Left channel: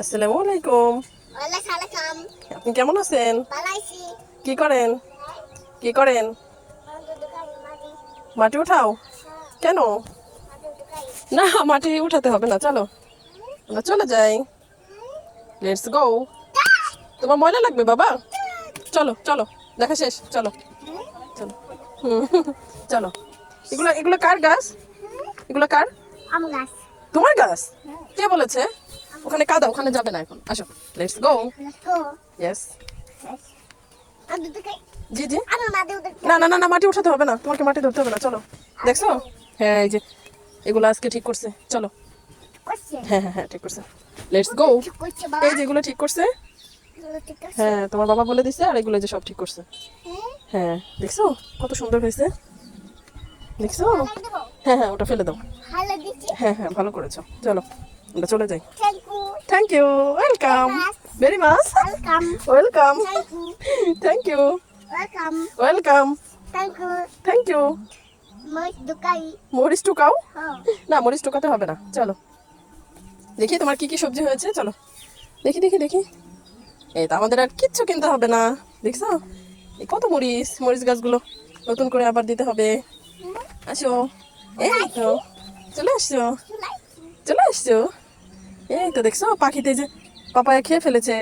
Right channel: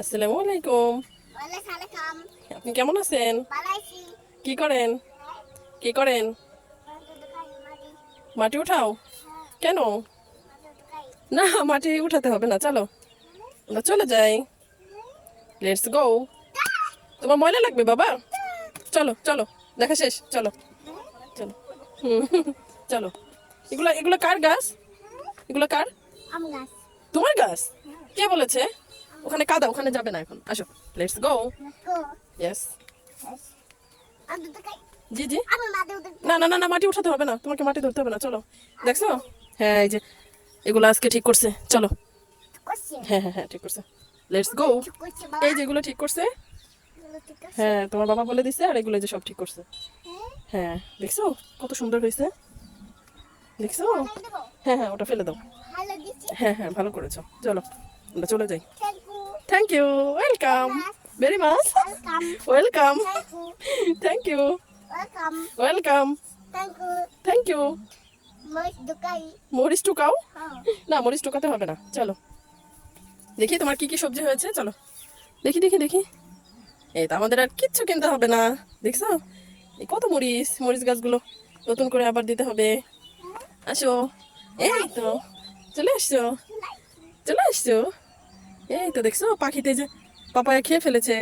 আসসালামু আলাইকুম। ওয়ালাইকুম। আপনি কেমন আছেন? ভালো আছি। কি করেন? কি করেন? মাটি মাটি উঠাও? কেন? উঠাই। না, মাটি উঠাতে হবে না, চলো আমরা চলে যাই। Let's go. তোমার ময়লা লাগবে বাবা, চলো চলো, দেখা শেষ, চলো চলো। হুম, চলো। এগুলো এগুলো কার গাছ? এগুলো কার? আম গাছ। তোমার গাছ? কে বলেছে? ওখানে কাদা, ওখানে যাবে না এখন, আসো। Let's go. Let's go. Yes. মাটি উঠাই। জি জি। আমি মাটি উঠাই। না না না না, মাটি উঠাতে হবে না, তোমাকে মাটি ধরতে হবে না, চলো। দেখছো? হ্যাঁ, এই যে এগুলো আজকে ঠিক করছে, চলো। করছে। হ্যাঁ হ্যাঁ হ্যাঁ, ঠিক করছে। Let's go. ঠিক করছে বাবা। এই যে এগুলো ঠিক করছে। এগুলো ঠিক আছে। হ্যাঁ, তোমার বাবা বলে দিছে, আর এগুলো যে সব ঠিক করছে। হ্যাঁ? হ্যাঁ, দেখছো কত সুন্দর হয়েছে? দেখছো? হালাই দেবো। হ্যাঁ হ্যাঁ, ওটা ফেলে দাও। হালাই দিচ্ছি। হ্যাঁ হ্যাঁ, ভালো করেছো, চলো আমরা চলে যাই। Thank you. Thank you, welcome, very much Welcome. Welcome. Thank you. Thank you, Welcome. Welcome, Thank you. Thank you. মাছ ঢুকাই। মরিচ টুকাও? হ্যাঁ। না, মরিচ টুকাতে হবে না, চলো। দেখি তোমার কি কি সবজি হয়েছে, চলো দেখি দেখি দেখি। এই তো, আমাদের আর কিচ্ছু কিনতে হবে না, দেখছো? এই কত মরিচ, মরিচ গাছগুলো নতুন করে আবার দিতে হবে। আসো, এই তো চলে আসছো, চলে আসছো। এই তো দেখছো, পাখিতে যে পাপায়া খেয়ে ফেলেছে।